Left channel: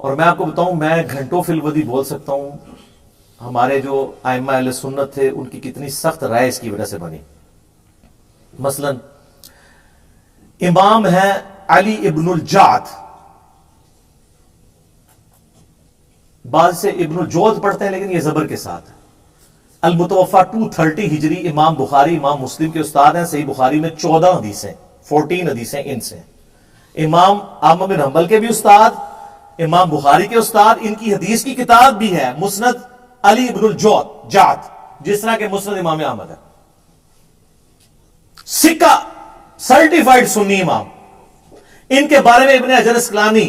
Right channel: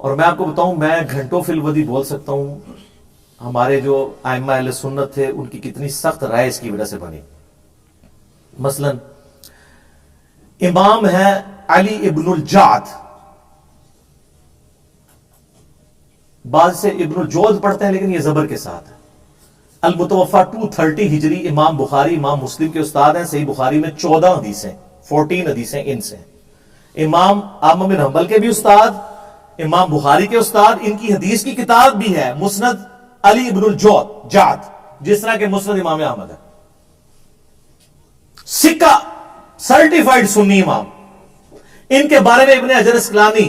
اور میں آپ کو بتاؤں، میں گھنٹوں فی الودی بول سکتا ہوں ہمارے جو ائمہ اہل سنت تھے ان کی کتنی سخت رائے اس کی وجہ سے بنی. مثلا امام ہے علی ابن الجعد، بعض سے ابن الجود پڑھتے ہیں لیکن یہ زبر کے ساتھ ہے. المتوفا 230 ہجری، امام بخاری امام مسلم کے استاد ہیں. صحیح بخاری میں 14 حدیثیں 14 حدیثیں ان سے. امام احمد بن حنبل کے بھی استاد، امام بخاری کے استاد. ان کی حدیث کی کتاب بھی ہے مسند علی ابن الجعد، جس طرح کے مسند امام احمد ہے. سکہ سرٹیفائیڈ سنی امام. ان کے بارے میں ابن حجر اسقلانی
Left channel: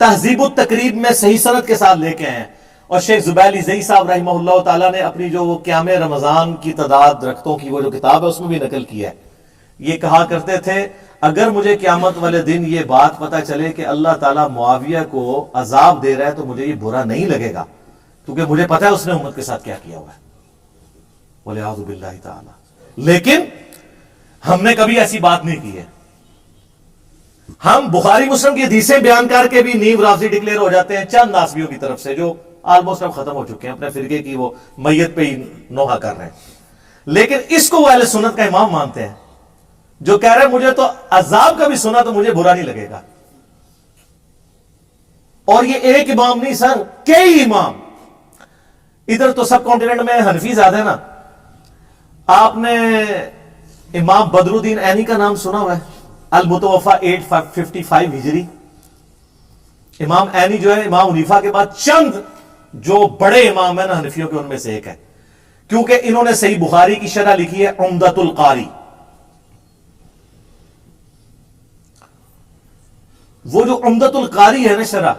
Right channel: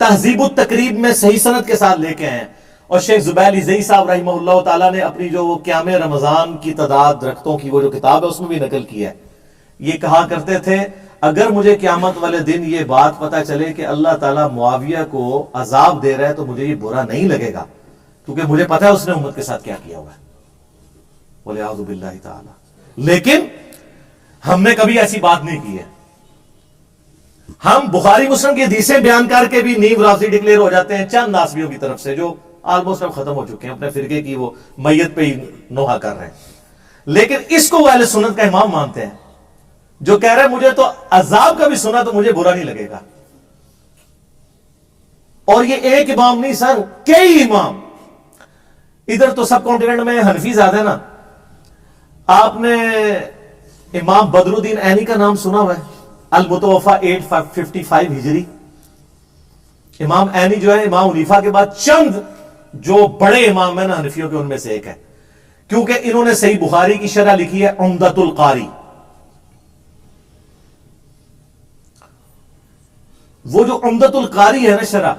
تہذیب التقریب میں صحیح سند کے ساتھ لے کے ہیں. اور شیخ زبیلی زئی صاحب رحمہ اللہ تعالیٰ نے اپنی جو وہ قیام رمضان کی تعداد درختوں کی وہ جو کتاب ہے اس میں بھی نقل کیا ہے. یہ کہا کرتے تھے اگر مجھے قیامت والے دن یہ بات پتہ چلے کہ اللہ تعالیٰ معاویہ کو عذاب دے رہا ہے تو مجھے یہ برا نہیں لگے گا، کیونکہ مجھے پتا ہے اس نے امت کے ساتھ کیا کیا ہوا ہے. وَلِعَوْذُ بِاللَّهِ تعالی. لیکن ہم نے کبھی ایسی بات نہیں کی ہے. ہم بخاری مسلم کی حدیثیں بیان کر کے بھی نیو رافضی ڈکلیئر ہو جاتے ہیں چند ناسبیوں کی طرف سے، جو آلموسٹ اب ختم ہو چکے ہیں، اپنے فرقے کی وہ میت پہ ہی نوحہ کر رہے ہیں. لیکن اس کو وہ اہل سنت کا امام مانتے ہیں، جو کہہ رہے ہیں مجھے تو عذاب کا بھی سنا تو مجھے برا نہیں لگے گا. اور یہ ایک امام نہیں سر، کئی امام. ادھر تو سب کانٹیننٹ میں حنفی زیادہ ہے نا. آپ نے امام بدر الدین عینی کا نام سنا ہوا ہے، المتوفا 855 ہجری. امام عینی جو ہے امام حنیفہ کے بعد چند جو بڑے امام ہیں نا حنفیوں کے ان میں سے ایک ہے، کیونکہ انہوں نے صحیح بخاری کی شرح لکھی ہے عمدۃ القاری. وہ جو عمدۃ القاری ہے نا شرح،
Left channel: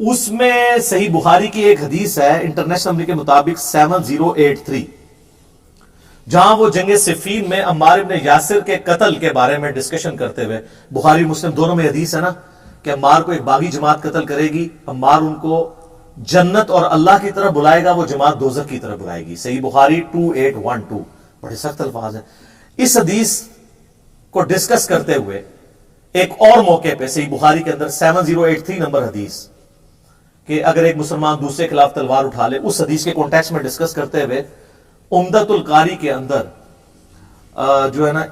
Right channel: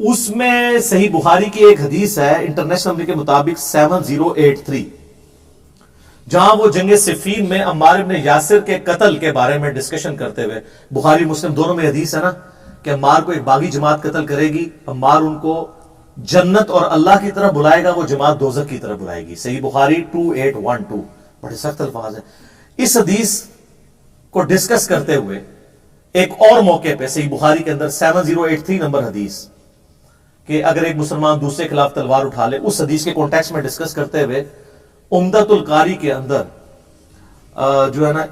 اس میں صحیح بخاری کی ایک حدیث ہے انٹرنیشنل نمبر کے مطابق 7083، جہاں وہ جنگ صفین میں عمار ابن یاسر کے قتل کے بارے میں ڈسکشن کرتے ہوئے، بخاری مسلم دونوں میں حدیث ہے نا کہ عمار کو ایک باغی جماعت قتل کرے گی، عمار ان کو جنت اور اللہ کی طرف بلائے گا، وہ جماعت دوزخ کی طرف بلائے گی. صحیح بخاری 2812. بڑے سخت الفاظ ہیں. اس حدیث کو ڈسکس کرتے ہوئے ایک اور موقع پہ صحیح بخاری کے اندر 7083 نمبر حدیث کہ اگر ایک مسلمان دوسرے کے خلاف تلوار اٹھا لے، اس حدیث کے کانٹیکسٹ میں ڈسکس کرتے ہوئے عمدۃ القاری کے اندر جو ہے نا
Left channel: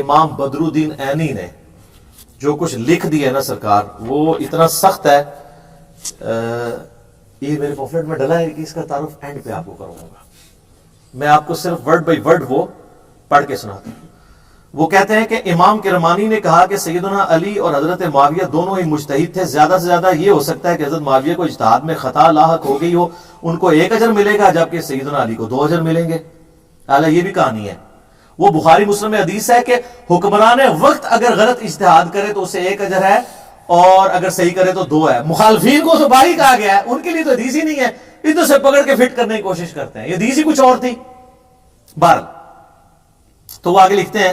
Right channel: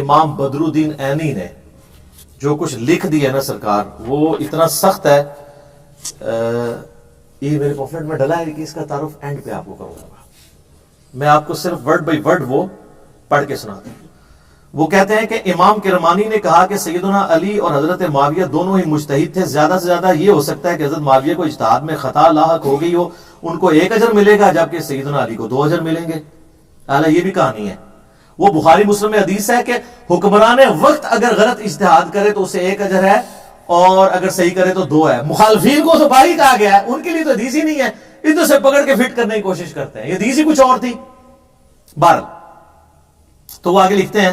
امام بدر الدین عینی نے جو کچھ لکھ دیا ہے نا سرکار، وہ اتنا سخت ہے. یہ میرے پمفلٹ میں ڈلا ہے کہ اس کا تعارف اینڈ پہ آپ کو کروں گا. میں آپ کو صرف ورڈ بائی ورڈ وہ پڑھ کے سناتا ہوں. وہ کہتے ہیں کہ امام کرمانی نے کہا کہ سیدنا علی اور حضرت معاویہ دونوں ہی مجتہد تھے. زیادہ سے زیادہ یہ ہو سکتا ہے کہ حضرت معاویہ کو اجتہاد میں خطا لاحق ہو گئی ہو، ان کو 1 اجر ملے گا جبکہ سیدنا علی کو 2 اجر ملیں گے. حالانکہ یہ بھی کہانی ہے. وہ بخاری مسلم میں حدیث ہے کہ حکمران وقت اگر غلط اجتہاد کرے تو اسے 1 اجر ہے اور اگر صحیح کرے تو 2 ہے. مخالفین کو تو باہی کہا گیا ہے، ان کے لیے تو حدیث ہی نہیں ہے، ادھر سے پکڑ کے فٹ کرنے کی کوشش کرتے ہیں. یہ حدیث ہی کچھ اور تھی. بہرحال تو وہ آگے لکھتے ہیں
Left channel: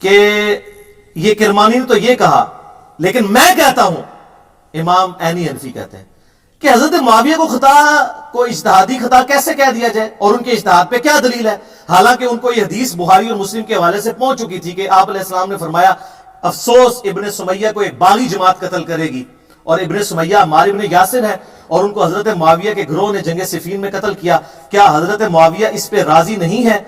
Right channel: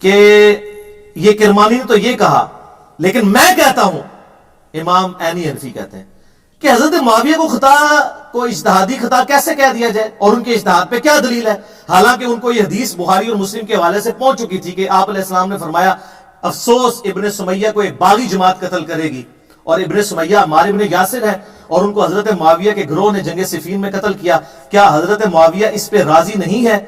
کہ یہ کرمانی نے تو یہ کہا، لیکن میں کہتا ہوں، امام عینی حنفی کہتے ہیں کہ حضرت معاویہ کو خطا کو اجتہادی خطا کیسے کہہ دیا جائے اور ان کے اجتہاد پہ کیا دلیل ہے، حالانکہ ان کو یہ حدیث بخاری اور مسلم کے حوالے سے پہنچ چکی تھی کہ آپ علیہ السلام نے فرمایا افسوس ابن سمیہ کو ایک باغی جماعت قتل کرے گی، اور ابن سمیہ عمار ابن یاسر ہے اور ان کو حضرت معاویہ کے گروہ نے جنگ صفین میں قتل کیا. کیا حضرت معاویہ اس پہ راضی نہیں ہے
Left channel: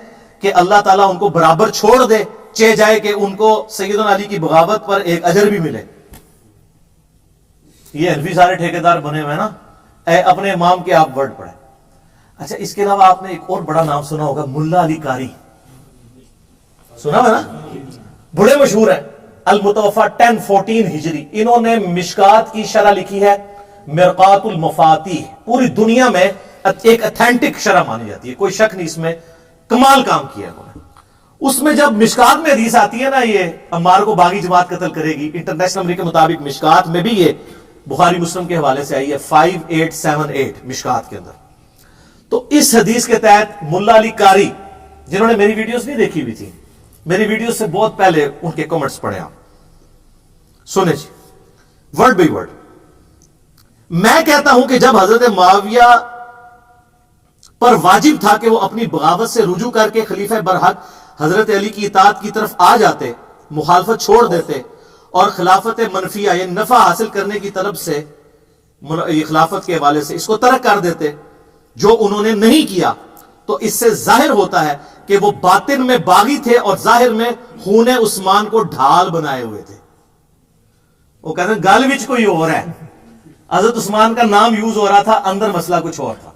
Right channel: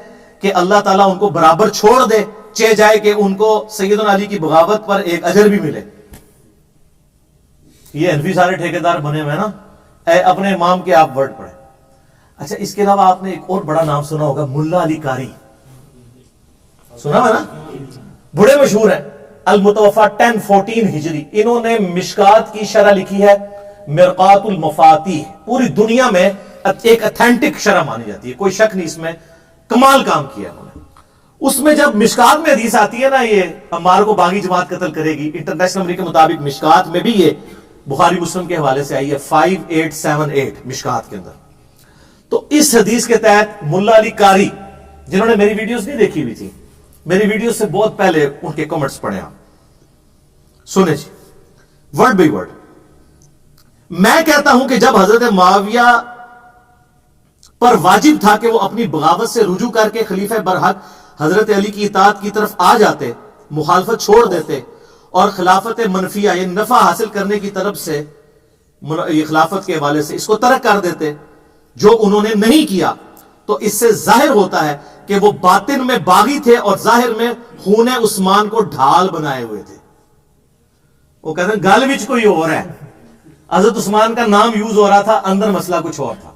کہ اللہ تعالیٰ ان کو برابر چھوڑ دے، چہ جائے کہ ان کو سیدنا علی کی بغاوت پر 1 اجر بھی ملے؟ یہ حنفی سارے ٹھیکیدار بنے ہوئے نا. اے اپنے امام کے آپ ورڈ پڑھیں. اچھا، اس کے علاوہ آپ نے ایک اور بڑا نام سنا ہوگا، ملا علی قاری. سنا ہے نا، بڑے مشہور ہیں. المتوفا 1014 ہجری. انہوں نے مشکات کی شرح لکھی ہے مرقات المفاتیح. پوری دنیا میں ایک اتھینٹک شرح مانی جاتی ہے، کوئی شک نہیں اس میں، کمال کام کیا انہوں نے. اس میں جب مشکات میں حدیث آتی ہے نا یہ عمار کو باغی جماعت قتل کرے گی، انٹرنیشنل نمبر کے مطابق مشکات میں بھی یہ بخاری مسلم کے حوالے سے آئی ہے 5878 مشکات کے اندر. تو اس حدیث کے تحت ملا علی قاری، جنہوں نے میری ویڈیوز نہیں دیکھی ہوئی تھی، میری ویڈیوز سے بہت پہلے ان کے کمنٹس پڑھیں آپ، سنیں جی ورڈ بائی ورڈ. میں کہتا ہوں کہ جب حضرت معاویہ پر واجب تھا کہ وہ اپنی بغاوت سے رجوع کر کے خلیفہ برحق حضرت علی کی اطاعت کی طرف آ جاتے، مخالفت چھوڑ دیتے اور خلافت منفیہ یعنی نفع حاصل کرنے کی طلب سے یہ خلافت کے حوالے سے اس کو ترک کر دیتے جو انہوں نے نہیں کیا، تو اس سے ظاہر ہوتا ہے کہ وہ باطن میں باغی تھے اور ظاہر میں خون عثمان کو ڈھال بنائے ہوئے تھے۔ وہ کہتے ہیں گل وچ کوئی اور ہے، حضرت عثمان کا نام یوز ہو رہا تھا، اندر مسئلہ کچھ اور تھا۔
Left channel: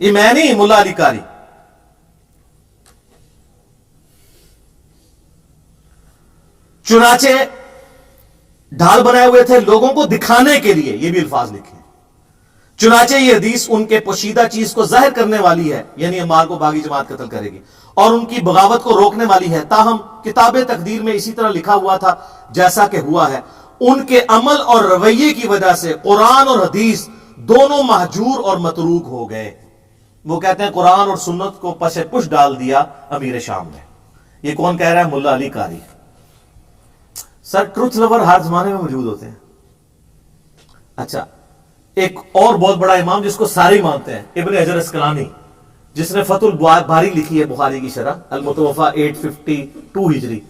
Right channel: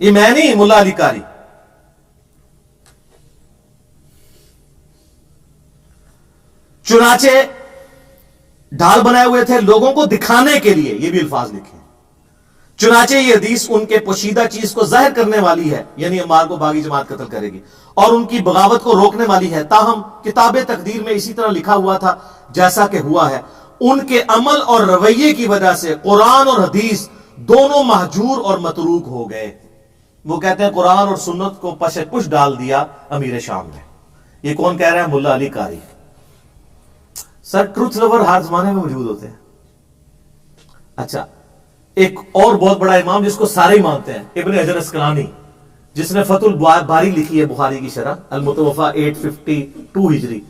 یہ میں نہیں، ملا علی قاری۔ چنانچہ ڈھال بنائے ہوئے تھے لوگوں کو دکھانے کے لیے، یہ بھی الفاظ لکھے۔ چنانچہ یہ حدیث ان کے پوشیدہ چیز کو ظاہر کرنے والی ہے، یعنی عمار کو باغی جماعت قتل کرے گی، اور ان کی بغاوت کو روکنے والی ہے، تاہم کتاب تقدیر میں اسی طرح لکھا ہوا تھا جیسا کہ ہوا ہے۔ ان کے عمل اور رویے کی وجہ سے قرآن اور حدیث دونوں مہجور اور متروک ہو گئے۔ وہ کہتے ہیں قرآن اور سنت کو پش پش ڈال دیا امیر شام نے۔ یہ کون کہہ رہا ہے؟ ملا علی قاری۔ سر ٹروتھ لور ہر زمانے میں موجود ہوتے ہیں۔ اچھا، ایک اور بہت بڑا امام جس کو سارے ہی مانتے ہیں، ابن حجر اسقلانی، جس نے فتح الباری لکھی ہے بخاری کی شرح، المتوفا 852 ہجری۔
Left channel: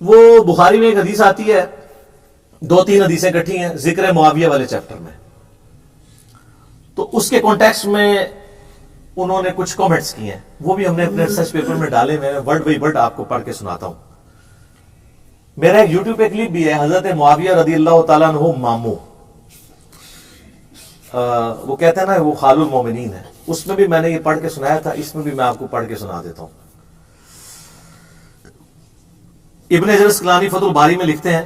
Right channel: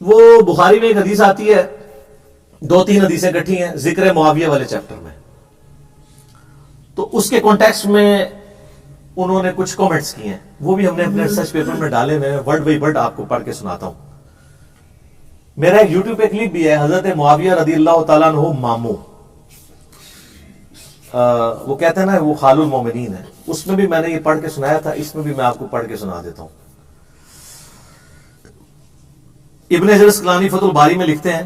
وہ بخاری میں ایک حدیث آتی ہے، 2-3 حدیثیں کٹھی ہیں ذکر معاویہ والے چیپٹر میں، تو اس کے کانٹیکسٹ میں انہوں نے کچھ کامنٹس کیے ہیں، وہ بھی ہم نے اپنے ریسرچ پیپر میں ڈالے ہوئے ہیں، ورڈ بائی ورڈ آپ کو پڑھ کے سناتا ہوں۔ میرا ایک یوٹیوب پہ کلپ بھی ہے، حضرت معاویہ رضی اللہ تعالیٰ عنہ ماموں، وہ کہتے ہیں نا وہ خال المومنین ہے، اس میں بھی میں نے یہ پڑھ کے سنایا تھا، اس میں بھی میں آپ کو پڑھ کے سنا دیتا ہوں۔ ابن حجر اسقلانی فتح الباری میں لکھتے ہیں،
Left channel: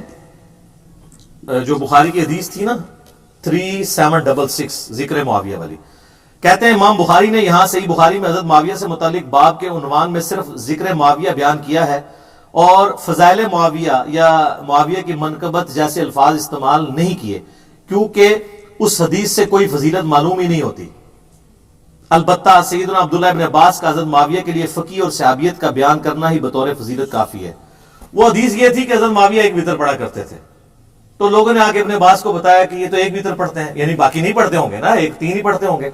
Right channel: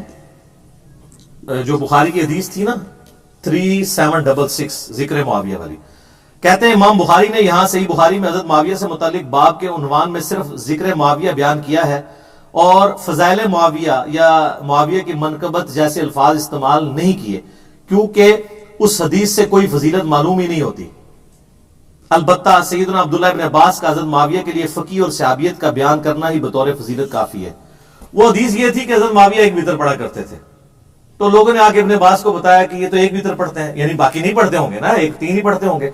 جو بخاری کی حدیث تھی نا 3766 ذکر معاویہ والی، کہتے ہیں امام بخاری نے یہاں صحیح بخاری میں حضرت معاویہ سے متعلق باب کے عنوان میں صرف ذکر معاویہ بیان کیا ہے اور فضائل معاویہ یا معاویہ کی منقبت جیسے الفاظ استعمال نہیں کیے، کیونکہ اس حدیث سے کوئی فضیلت معلوم ہی نہیں ہوتی۔ البتہ سیدنا عبداللہ ابن عباس کا حضرت معاویہ کے لیے فقی اور صحابیت کا بیان کرنا ہی بطور فضیلت کافی ہے۔ وہ حدیث یہ تھی کہ حضرت معاویہ ایک وتر پڑھا کرتے تھے، تو لوگوں نے آ کے ابن عباس کو بتایا کہ یہ تو ایک وتر پڑھتے ہیں، یعنی باقی نہیں پڑھتے ہوں گے نا، 3 ہی پڑھتے ہوں گے۔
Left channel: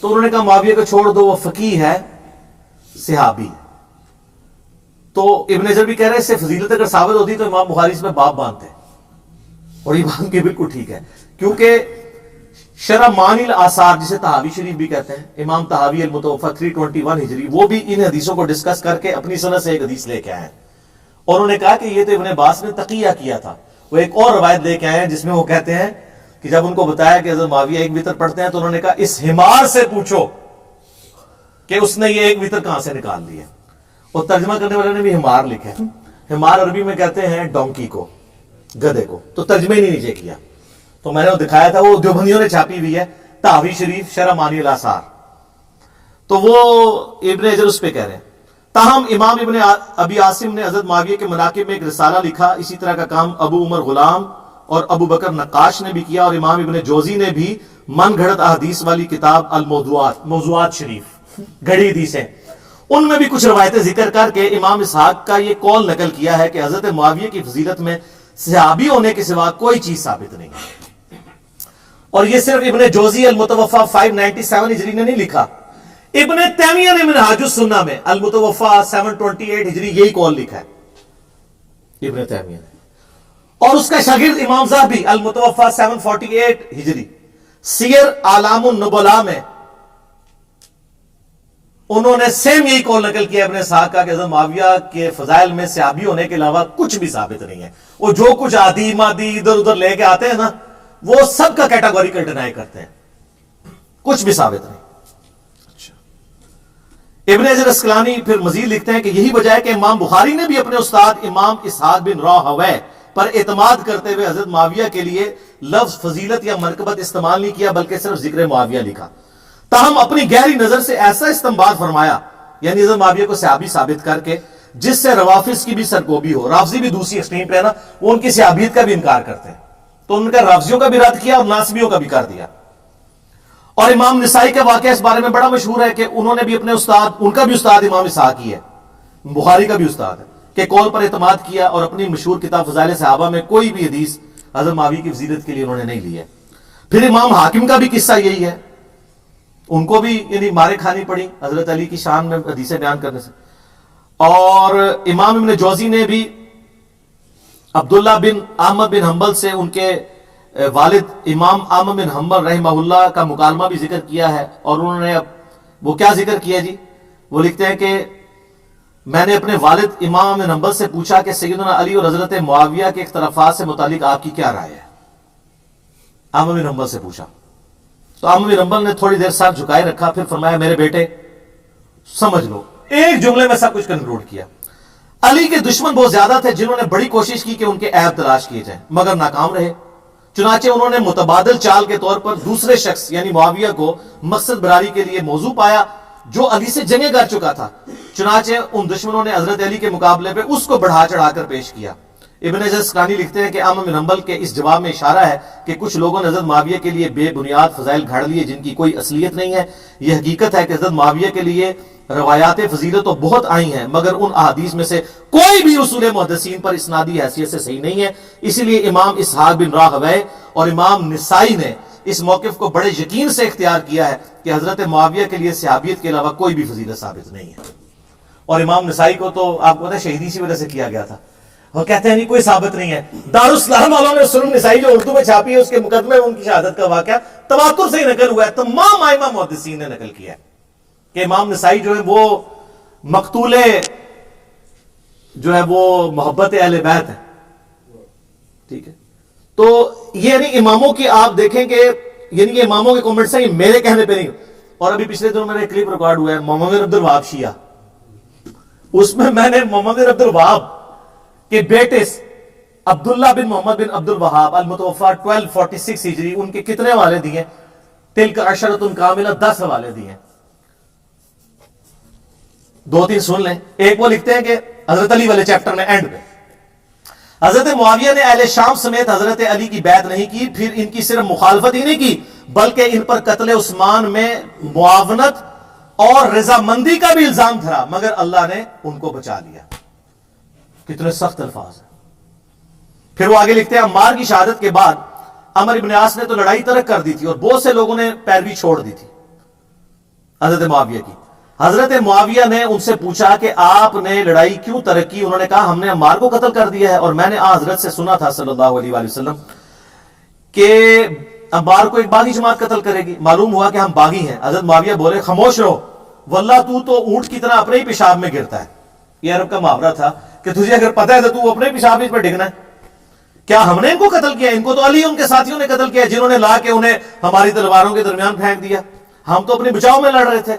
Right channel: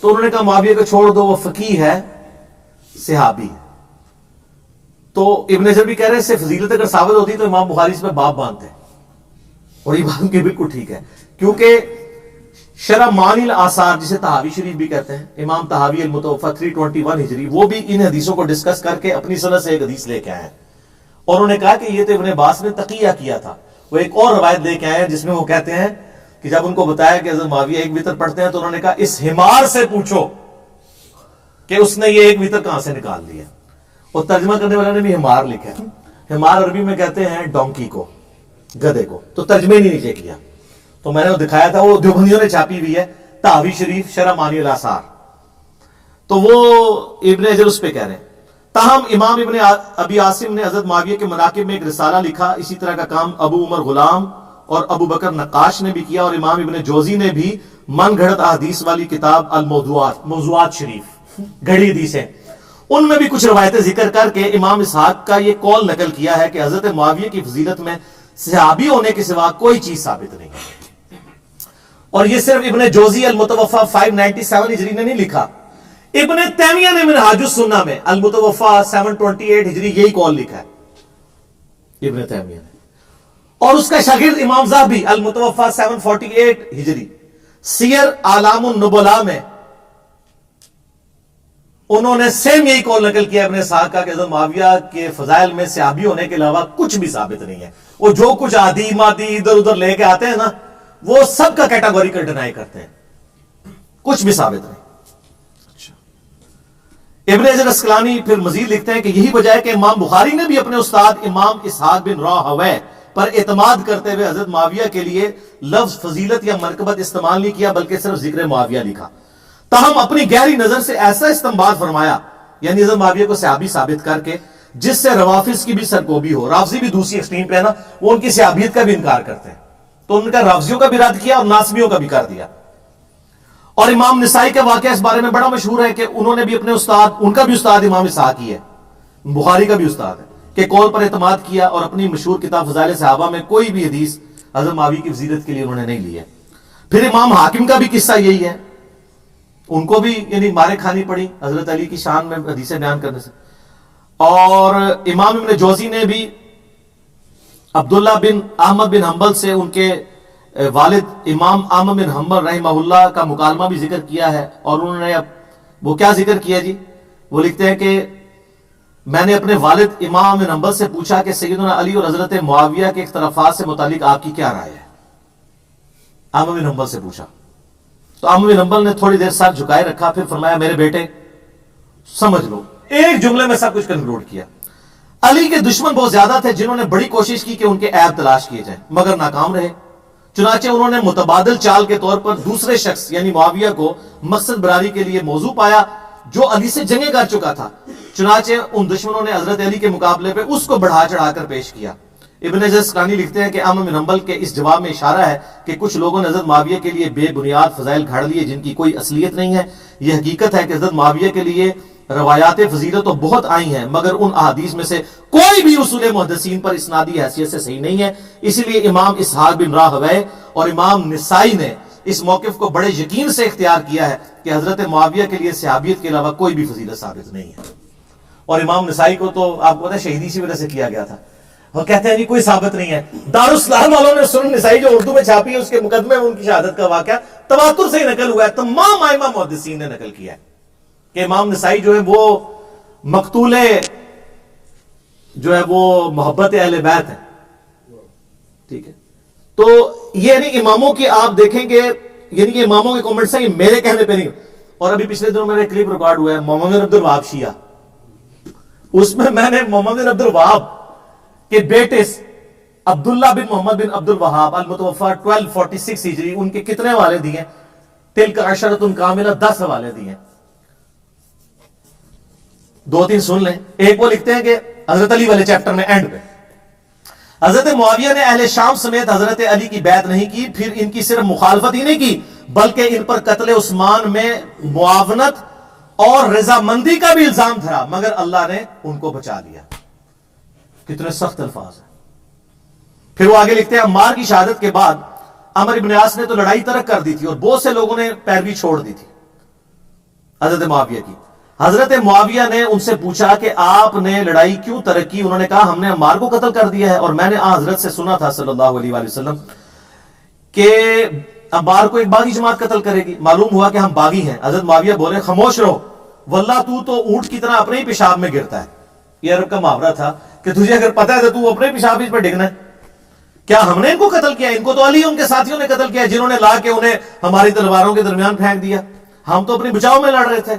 تو انہوں نے کہا معاویہ کو چھوڑ دو، وہ فقی ہے، صحابی ہے۔ تو ابن حجر بھی کہہ رہے ہیں اس سے فضیلت اگر ثابت ہوتی تو امام بخاری اس پہ باب باندھتے ہیں، اور یہ بات کی بالکل ٹھیک ہے، کیونکہ شرح معانی الاثار جسے طحاوی شریف بھی کہتے ہیں، امام طحاوی المتوفا 321 ہجری، وہ بھی ان حدیثوں کو ڈسکس کر کے اپنی سند سے ایک حدیث لے کے آئے ہیں، اور انہوں نے کہا کہ یہ تو ابن عباس نے تقیہ کیا تھا۔ وہ ایک اور روایت لے کے آئے ہیں جس میں وہ کہتے ہیں کہ جب ان کو بتایا کہ حضرت معاویہ ایک وتر پڑھتے ہیں تو انہوں نے کہا اس حمار سے پوچھو کہ اس نے یہ ایک وتر کہاں سے نکال لیا۔ اور ترجمہ کرنے والے نے بھی حمار لکھا ہے، حمار عربی میں کہتے ہیں ڈونکی کو، گدھے کو، تو ترجمے نہیں نیچے کیا، تو میں نے وہ دکھایا تھا، وہ دیوبندیوں نے چھاپی ہوئی ہے، طحاوی شریف شرح معانی الاثار، تو وہ ابن حجر اس پہ کہہ رہے ہیں۔ تاہم امام ابن ابی عاصم نے حضرت معاویہ کے مناقب میں ایک رسالہ لکھا، اسی طرح کا کام ابو عمر غلام اور ابو بکر نقاش نے بھی کیا، اور امام ابن جوزی نے بھی من گھڑت احادیث والی کتاب الموضوعات، موضوعات شریف، گھڑی حدیثیں، ان میں بھی کچھ روایتیں ذکر کر کے امام اسحاق کا یہ قول نقل کیا ہے کہ حضرت معاویہ کی فضیلت میں صحابی ہونے کے سوا کوئی چیز ثابت نہیں ہے۔ اور یہ صرف ابن جوزی المتوفا 597 ہجری نے نہیں لکھا، ابن تیمیہ نے منہاج السنہ میں المتوفا 728 ہجری یہی قول لکھا ہے ابن تیمیہ نے، اور اس کا شاگرد امام ذہبی المتوفا 748 ہجری سیر اعلام النبلاء میں انہوں نے سیم یہی قول نقل کیا ابن اسحاق کا کہ حضرت معاویہ کے فضائل میں صحابی ہونے کے علاوہ کچھ بھی ثابت نہیں ہے۔ وہ جو کچھ عادی مادی ادھر ادھر لے کے آتے ہیں نا، وہ سب کا کیٹاگوریکل ڈینائی کرتے ہیں، کچھ بھی ثابت نہیں۔ ابن حجر اسقلانی پھر مزید لکھتے ہیں کہ یہی وجہ ہے کہ امام بخاری نے بھی اپنے استاد امام اسحاق بن راہویہ پر اعتماد کرتے ہوئے حضرت معاویہ کے لیے لفظ فضیلت یا منقبت استعمال نہیں کیا، بلکہ صرف ذکر معاویہ لکھا۔ تاہم اپنی گہری نظر سے ایسا استنباط فرمایا، یعنی حضرت معاویہ کو صحابی ثابت کر کے، جس سے روافظ کی بھی سرکوبی ہو۔ رافضی بھی دوسری ایکسٹریم پہ ہے نا، وہ ان کی صحابیت کا بھی انکار کرتے ہیں، تو ان کا رافضیوں کا بھی رد کیا اور ناصبیوں کا بھی کر دیا۔ اور امام نسائی کا واقعہ اس بارے میں بڑا مشہور ہے کہ انہوں نے بھی اپنے استاد، ان کا بھی استاد امام اسحاق ہی ہے، بخاری کا بھی استاد ہے، کہ قول پر اعتماد کیا، اور اپنی مشہور کتاب فضائل صحابہ میں کوئی بھی حدیث حضرت معاویہ کی فضیلت کے لیے انہوں نے نہیں لی ہے۔ پھر امام حاکم کا بھی قصہ یہی ہے، ان کو بھی یعنی مارے کھانی پڑی حضرت علی کی شان میں حدیثیں بیان کرنے سے۔ اور امام ابن جوزی نے بھی عبداللہ بن احمد بن حنبل سے ان کے والد امام احمد بن حنبل رحمہ اللہ کا مکالمہ بھی ذکر کیا ہے، اور انہوں نے وہ کیا ذکر کیا جی؟ وہ لکھتے ہیں کہ میں نے اپنے والد امام بن حنبل سے پوچھا کہ سیدنا علی اور حضرت معاویہ کے اختلافات سے متعلق آپ کی کیا رائے ہے؟ احمد بن حنبل سے پوچھا تو احمد بن حنبل نے تھوڑی دیر سر جھکائے رکھا، پھر فرمایا میرے بیٹے سمجھ لو، ایک جملے میں سب کچھ کنکلوڈ کیا۔ علی کے دشمن بہت زیادہ تھے جنہوں نے بڑی کوشش کی کہ ان کے عیب تلاش کیے جائیں مگر ناکام رہے، چنانچہ انہوں نے متبادل چال کے طور پر دوسرے شخص یعنی معاویہ کو مقصد براری کے لیے موضوع پایا جو علی سے جنگیں کر چکا تھا، چنانچہ ان دشمنوں نے حضرت علی کے مقابلے پہ اس کو بڑھا چڑھا کر پیش کیا۔ ابن جسکانی لکھتے ہیں کہ احمد بن حنبل کے اس جواب میں اشارہ ہے کہ کچھ لوگوں نے حضرت معاویہ کے لیے بے بنیاد فضائل گھڑ لیے جن کی کوئی اصلیت نہیں ہے۔ یہ حقیقت ہے کہ حضرت معاویہ کے لیے روایات فضیلت تو بہت آئی ہیں مگر ان احادیث میں سے کوئی بھی اصول محدثین پر اسنادی حیثیت سے صحیح نہیں ہے، اسی لیے امام اسحاق بن راہویہ اور امام نسائی نے اس موقف کو بڑے یقین سے اختیار کیا ہے کہ حضرت معاویہ کے لیے صحابیت کے علاوہ کوئی بھی فضیلت ثابت نہیں ہے۔ اور امام نسائی کو تو آپ کو پتہ ہے شہیدی اسی وجہ سے کیا گیا تھا، وہ کہتے ہیں جی کوئی ثابت نہیں ہے۔ دارالاسلام والوں نے سنن نسائی جو اردو میں چھاپی ہے اس کے مقدمے میں ان کی شہادت کا واقعہ تواتر سے ہی نقل ہوا ہے، تمام ائمہ محدثین نے نقل کیا ہے کہ امام نسائی جو ہے وہ مقتول جو ہے وہ محبت اہل بیت ہے، ٹھیک ہے۔ تو یہ یعنی اماموں کی آپ دیکھیں کہ یعنی کہ اماموں کے کامنٹس ہیں، یہ میرے کہنے پہ نہیں۔ اور ابھی پچھلے دنوں میرا کلپ ریکارڈ ہوا ہے محمد بن عبد الوہاب شیعہ، اس میں میں نے محمد بن عبد الوہاب کے بیٹے عبداللہ بن محمد بن عبد الوہاب المتوفی 1246 ہجری ان کے کتنے حوالے دیے؟ تلک عشرۃ کاملہ، 10 حوالے دیے، 2-3 سن لیں۔ ایک وہ لکھتے ہیں کہ حضرت علی والے چیپٹر میں اینڈ پہ حضرت معاویہ نے اہل شام سمیت حضرت علی کی بیعت نہیں کی، پھر ان کی صرف مخالفت ہی نہیں کی بلکہ ان پر قتل عثمان میں معاونت اور رضامندی کا بھی الزام دھرا مگر اللہ نے ان کو بچا لیا۔ کتنے سخت الفاظ ہیں۔ پھر وہ آگے لکھتے ہیں عمار کی شہادت کے بعد عمر ابن عاص نے تو لڑائی ترک کر دی تھی اور بہت سے لوگوں نے پیروی چھوڑ دی تھی حضرت معاویہ کی۔ حضرت معاویہ نے ان سے پوچھا کہ آپ نے لڑائی کیوں ترک کی؟ انہوں نے کہا ہم نے عمار کو قتل کر دیا ہے اور میں نے حضرت سے سنا تھا صلی اللہ علیہ وآلہ وسلم کہ عمار کو ایک باغی جماعت قتل کرے گی، معلوم ہوا کہ ہم باغی ہیں۔ حضرت معاویہ بولے خاموش رہو، واللہ تو اونٹ کی طرح اپنے ہی پیشاب میں گرتا ہے۔ یہ عرب کا محاورہ تھا کہ تجھے اگر پتہ ہے تو اپنے پیشاب پر ڈگنا ہے۔ کیا ہم نے ان کو قتل کیا؟ ان کو تو علی ان کے ساتھیوں نے قتل کیا جنہوں نے لا کے انہیں ہماری تلواروں کے درمیان پھینک دیا، ہم تو اپنے بچاؤ میں لڑ رہے تھے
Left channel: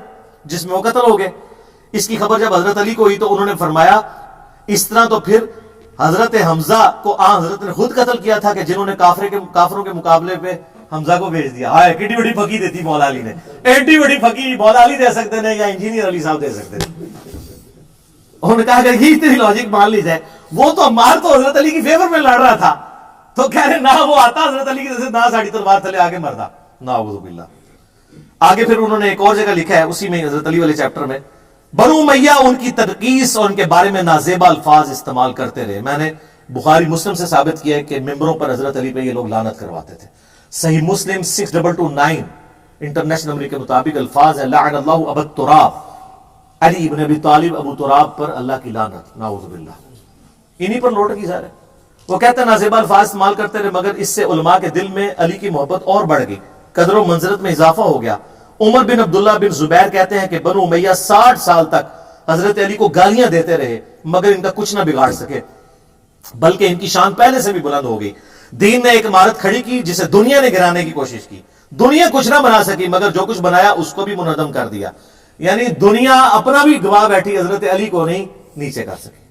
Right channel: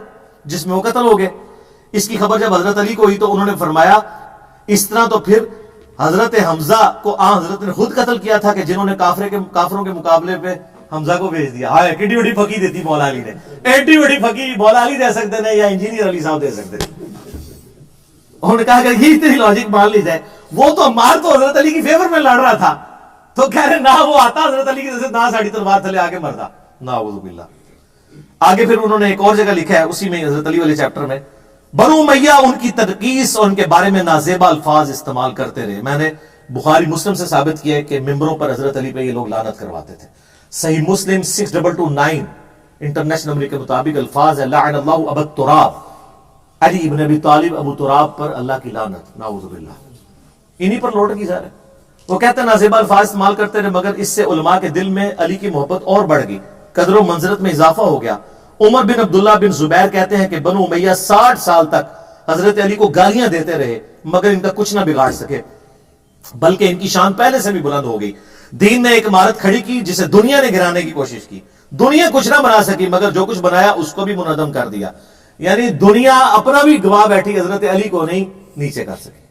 جس میں وہ قتل ہو گئے۔ اس کی خبر جب حضرت علی کو ہوئی تو انہوں نے فرمایا اس طرح تو پھر حضرت حمزہ کو حضرت نے خود قتل کیا تھا کہ جنہوں نے کافروں کے مقابلے پہ حمزہ کو بھیج دیا۔ ہائے کڈی بڑی پھکی دیتی مولا علی نے، ایڈی بڑی پھکی مولا علی دے سکتے ہیں یا انجینئر علی صاحب دے سکتے ہیں۔ انہوں نے کہا کہ یہ تیری لاجک مان لی جائے، وہ تو عمار تو حضرت علی کی فیور میں لڑ رہا تھا، تو کہہ رہے نہ وہ آتا حضرت علی کی طرف سے نہ ساڑی تلوار تھلے آگے مردا، نعوذ باللہ۔ آگے پھر انہوں نے ایک اور جگہ لکھا ہے اسی میں حضرت علی والے چیپٹر میں، بنو امیہ ان کی تنقیص اور ان کے بارے میں نازیبا الفاظ استعمال کرتے رہے۔ میں نے بخاری مسلم سے ثابت کیا ہے کہ ممبروں پر حضرت علی پہ یہ لوگ لعنت کرواتے تھے۔ صحیح مسلم 6229 انٹرنیشنل نمبر کے مطابق الفاظ ہے لعن اللہ ابا تراب، علی ابن ابی طالب ابو تراب پر اللہ کی لعنت، نعوذ باللہ۔ انہی پر لوٹ کی ظاہر ہے۔ وہ کہتے ہیں نازیبا الفاظ استعمال کرتے رہے مگر اس سے علماء کے دل میں علی کی محبت اور بڑھ گئی، قدر و منزلت میں اضافہ ہو گیا۔ عمر بن عبداللہ بن زبیر کہتے ہیں کہ بنو امیہ 60 سال تک حضرت علی کو گالیاں دیتے رہے مگر ان کا کچھ نہ بگاڑ سکے، بلکہ ان کی شان پہلے سے بھی بلند ہو گئی۔ دین نے ایک عمارت کھڑی کی جسے دنیا نے گرانے کی کوشش کی، دنیا کچھ نہ بنا سکی مگر جو کچھ بنایا اس کو بھی منہدم کر دیا، یعنی دنیا اپنا بھی گواہ بیٹھی، حضرت علی کو نہیں نیچے کر سکی۔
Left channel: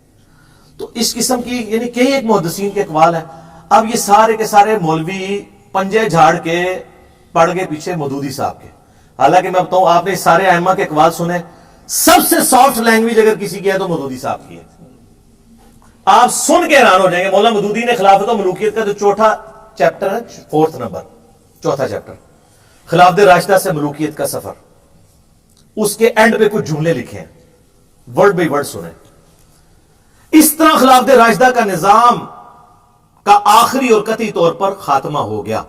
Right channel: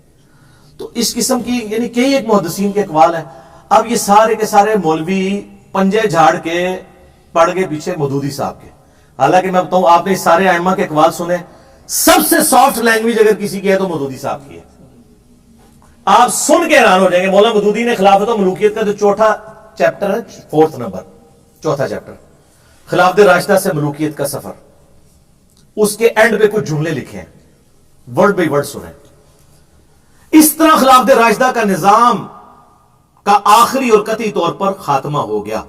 تو اس قسم کی یعنی کئی ایک محدثین کے اقوال ہیں۔ اب یہ سارے کے سارے مولوی پنجے جھاڑ کے پڑ گئے پیچھے مودودی صاحب کے، حالانکہ میں بتاؤں آپ نے سارے ائمہ کے اقوال سنے، سب سے سافٹ لینگویج اگر کسی کی ہے تو مودودی صاحب کی ہے۔ آپ سن کے حیران ہو جائیں گے، مولا مودودی نے خلافت و ملوکیت کا جو چوتھا چیپٹر ہے، 4 نمبر چوتھا چیپٹر، خلافت راشدہ سے ملوکیت کا سفر، اس کے اینڈ پہ کچھ جملے لکھے ہیں، ورڈ بائی ورڈ سنیں۔ اس طرح خلافت راشدہ کا نظام کا آخری اور قطعی طور پر خاتمہ ہو گیا،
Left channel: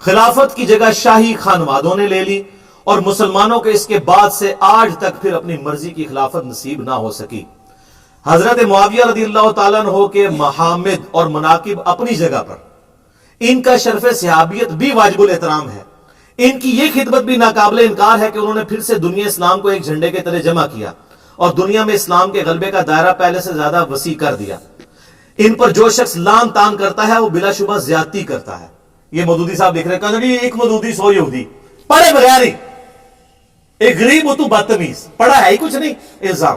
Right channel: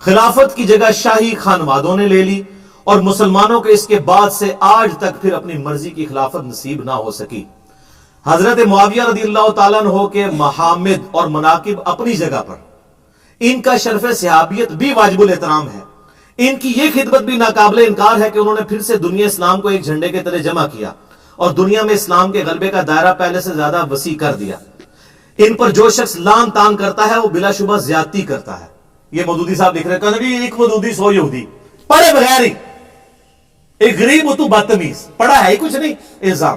خلافت کی جگہ شاہی خانوادوں نے لے لی اور مسلمانوں کے اس کے بعد سے آج تک پھر اپنی مرضی کی خلافت نصیب نہ ہو سکی۔ حضرت معاویہ رضی اللہ تعالیٰ عنہ کے محامد اور مناقب اپنی جگہ پر، ان کا شرف صحابیت بھی واجب الاحترام ہے، ان کی یہ خدمت بھی ناقابل انکار ہے کہ انہوں نے پھر سے دنیا اسلام کو ایک جھنڈے کے تلے جمع کیا اور دنیا میں اسلام کے غلبے کا دائرہ پہلے سے زیادہ وسیع کر دیا۔ ان پر جو شخص لان تان کرتا ہے وہ بلا شبہ زیادتی کرتا ہے۔ یہ مودودی صاحب لکھ رہے ہیں، کہ ایک مودودی 100 یہودی، پڑھے بغیر ہی، ایک غریب ہو تو بدتمیز، پڑھا ہے ہی کچھ نہیں، الزام۔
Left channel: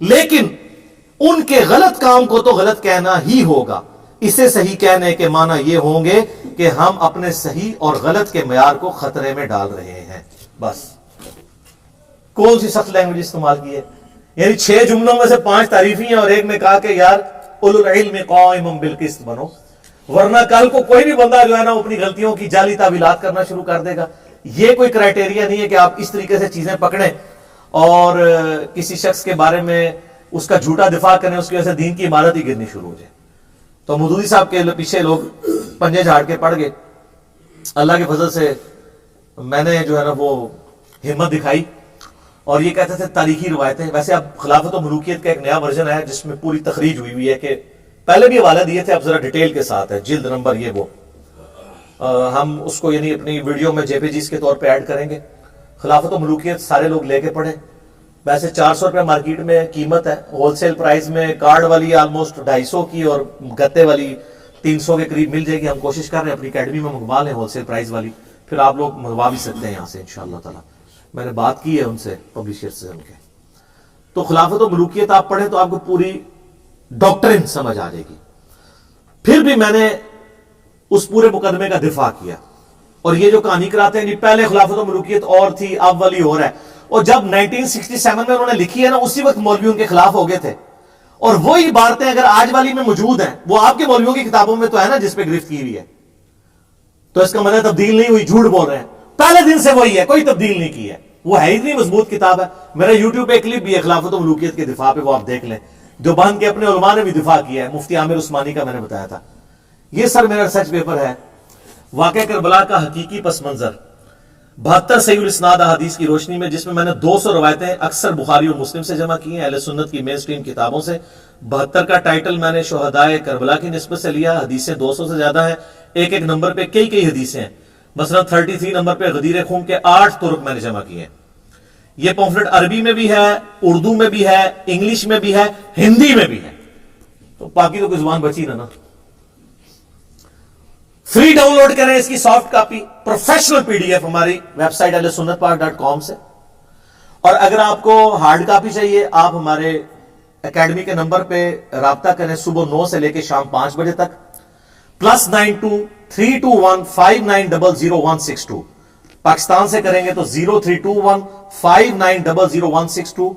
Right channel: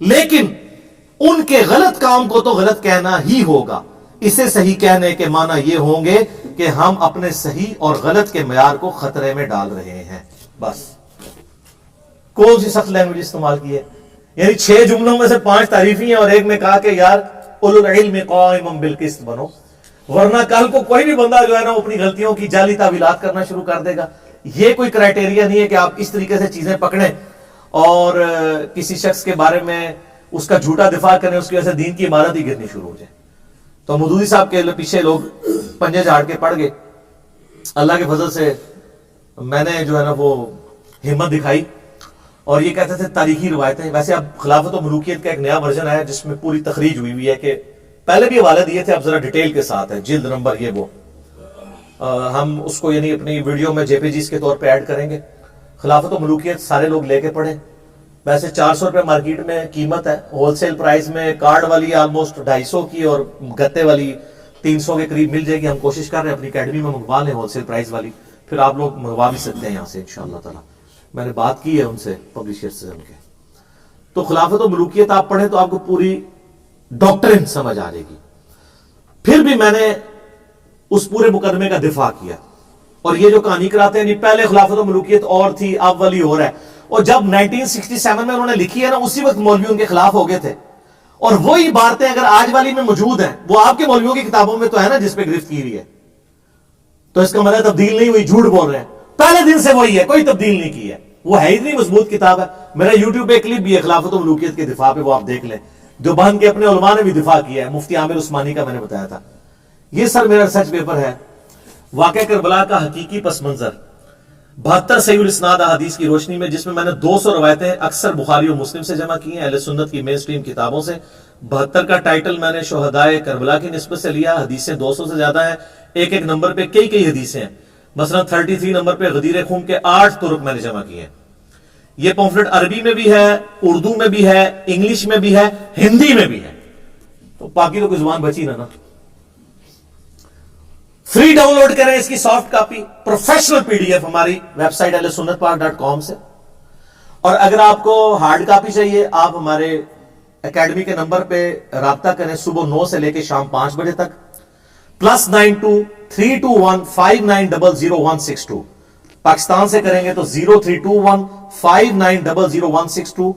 لیکن ان کے غلط کام کو تو غلط کہنا ہی ہوگا۔ اسے صحیح کہنے کے معنی یہ ہوں گے کہ ہم اپنے صحیح اور غلط کے معیار کو خطرے میں ڈال رہے ہیں۔ بس کون سی سخت لینگویج استعمال کی ہے؟ یعنی 6 جملوں میں سے 5 تعریفی ہیں اور ایک میں کہا کہ یار اولو العلم قائما بالقسط بنو، ورنہ کل کو کوئی بھی بندہ جو ہے نا اپنی غلطیوں کی جعلی تعویلات کرنا شروع کر دے گا۔ یہ کوئی کرائٹیریا نہیں ہے کہ آپ اس طریقے سے چیزیں پکڑیں اور کسی شخص کے بارے میں اس کا جھوٹا دفاع کریں، اس کی وجہ سے دین کی عمارت ہی گرنی شروع ہو جائے۔ تو مودودی صاحب کے پیچھے لوگ پنجے جھاڑ کے پڑ گئے۔ اللہ کے فضل سے میں نے جو ہے نا وہ ہمت دکھائی اور یہ کہتے تھے تاریخی روایتیں۔ ویسے اب خلافت و ملوکیت کا ایک نیا ورژن ہے جس میں پوری تخریج ہوئی ہے، کہ پہلے بھی حوالے دیے تھے، اب ذرا ڈیٹیل کے ساتھ ہے، جلد نمبر یہ وہ، ہم اس کو یعنی اپنی ویڈیو میں JPGs کے طور پہ ایڈ کریں گے۔ خلافت و ملوکیت سارے لوگ لے کے پڑھیں۔ ویسے 400 روپے مارکیٹ میں قیمت ہے، ہول سیل پرائز میں کارڈ والی آلموسٹ 250 کی اور گتے والی 300 کے قریب مل جائے گی۔ ہم کوشش کر رہے ہیں اپنی اکیڈمی میں منگوا لیں ہول سیل پرائز والی، پھر آپ لوگ منگوا بھی سکتے ہیں یہاں سے انشاءاللہ تعالی۔ میں نے بات کی ہے ان سے، پبلشر سے ان کے۔ تو خلافت و ملوکیت آپ پڑھیں تو آپ کو پوری ڈاکٹرن سمجھ آ جائے گی۔ پھر بھی میں نے اس پورے مقدمے کا دفاع کیا، اور یہ جو کہانی کراتے ہیں جی پہلے خلافت و ملوکیت اور تھی اب والی اور ہے، اور جب 1967 میں انہوں نے لکھی ہے نا اسی وقت مولوی ان کے خلاف ہو گئے تھے، اور وہی باتیں اگر آج والی میں موجود ہیں وہ آپ کے مولویوں کی کتابوں میں تو ہے نا جس پہ گرفت کی ہوئی ہے، تو اس کا مطلب تبدیل نہیں ہوئی، جھوٹ بول رہے ہیں، پہلے دن سے وہی ہے، کوئی تبدیل نہیں کی ہے، وہ ہے اتنی مضبوط کتاب ہے۔ میرا یوٹیوب پہ کلپ بھی ہے خلافت و ملوکیت کے دفاع پہ، وہ آپ دیکھ لیں۔ دیوبند کے اپنے علماء نے بھی دفاع کیا ہے، مفتی عامر عثمانی کا میں نے بتایا تھا۔ یہ سر میرا ریسرچ پیپر ہے، واقعہ کربلا کا حقیقی پس منظر، 72 صحیح الاسناد احادیث کی روشنی میں، جس میں میں نے 200 روایتیں اکثر بخاری و مسلم سے جمع کی ہیں، اہل سنت کی مین سٹریم کتابوں سے۔ 72 کا ٹائٹل میں نے شہدائے کربلا کی نسبت سے لیا، حدیثیں 200 سے زیادہ ہیں، ایک ایک نمبر پہ کئی حدیثیں ہیں۔ مثلا 33 نمبر پہ غدیر خون کے 8 طرق میں نے جمع کیے ہیں۔ یہ پمفلٹ عربی میں بھی ہے، اردو میں بھی ہے، انگلش میں بھی ہے، ہندی میں بھی ہے، تو باقی تو کوئی زبان بچی نا۔ فری ڈاؤن لوڈ کریں اس کی سافٹ کاپی، پروفیشنل PDF ہماری ویب سائٹ ahlusunnatpark.com سے، اور اگر آپ کو ہارڈ کاپی چاہیے آپ ہمارے اکیڈمی کے نمبر پہ رابطہ کریں، صبح 9 سے لے کے شام 5 بجے تک، +92 321 5900 162۔ پاکستان سے کریں گے تو 0321 5900 162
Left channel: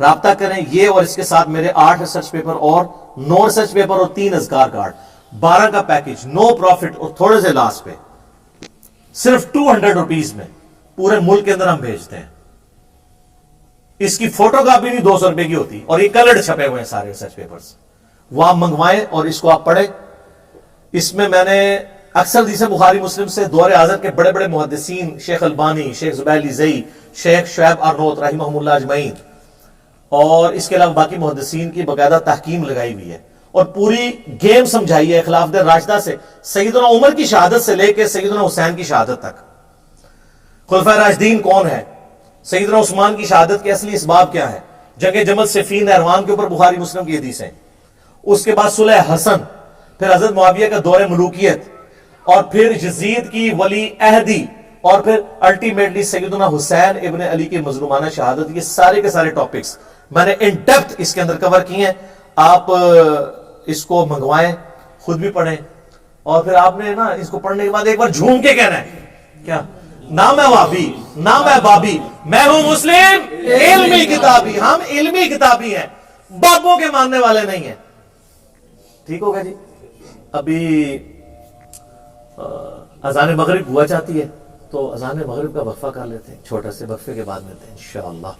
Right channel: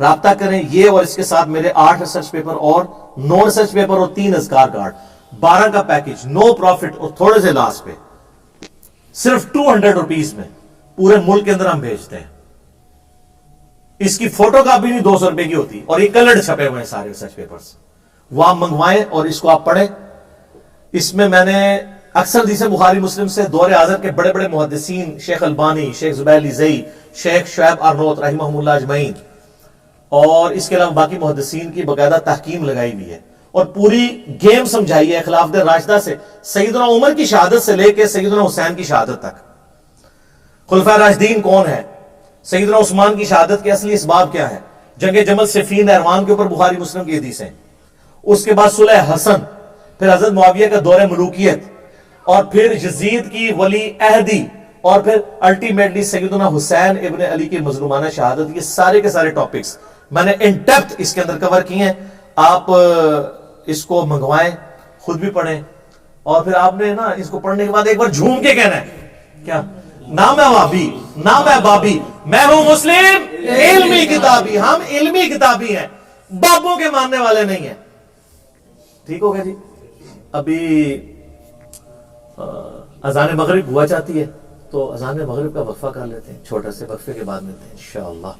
رابطہ کریں۔ یہ اور اس کے ساتھ میرے 8 ریسرچ پیپر اور 9 ریسرچ پیپر اور 3 اذکار کارڈ، 12 کا پیکج، نو پروفٹ اور تھوڑے سے لاس پہ، صرف 200 روپیز میں پورے ملک کے اندر ہم بھیجتے ہیں۔ اس کی فوٹو کاپی نہیں 200 روپے کی ہوتی، اور یہ کلرڈ چھپے ہوئے ہیں سارے ریسرچ پیپرز، وہ آپ منگوائیں اور اس کو آپ پڑھیں۔ اس میں میں نے اکثر حدیثیں بخاری مسلم سے دور حاضر کے بڑے بڑے محدثین، شیخ البانی، شیخ زبیر لیزئی، شیخ شعیب ارنوت رحمہم اللہ اجمعین، اور اس کے علاوہ باقی محدثین کی باقاعدہ تحکیم لگائی ہوئی ہے، اور پوری گیم سمجھائی ہے خلافت راشدہ سے، سیدنا عمر کی شہادت سے لے کے سیدنا حسین کی شہادت تک، خلفائے راشدین کون ہے، سیدنا عثمان کی شہادت کے اصلی اسباب کیا ہے، جنگ جمل صفین نہروان کے اوپر بخاری مسلم کی حدیثیں، اس کے بعد صلح حسن، پھر حضرت معاویہ کا دور ملوکیت، اور پھر یزید کی ولی عہدی، اور پھر الٹیمیٹلی سیدنا حسین ابن علی کی مظلومانہ شہادت۔ یہ سارے کے سارے ٹاپکس میں نے ان ڈیپتھ اس کے اندر کور کیے ہیں۔ آپ اس کو منگوائیں، خود بھی پڑھیں، اور پھر آپ نے نا اس کو پڑھنے کے بعد ایک بار جھوم کے کہنا ہے کیا، نہ میں وابی نہ میں بابی، میں ہوں مسلم علمی کتابی۔ ہم علمی کتابی ہیں، بابوں کے ماننے والے نہیں ہیں۔ ٹھیک ہوگا جی؟ ابھی اذان مغرب ہوا چاہتی ہے، تو اذان مغرب کا وقفہ کر لیتے ہیں، چھوٹا سے وقفے کے بعد ملتے ہیں انشاءاللہ۔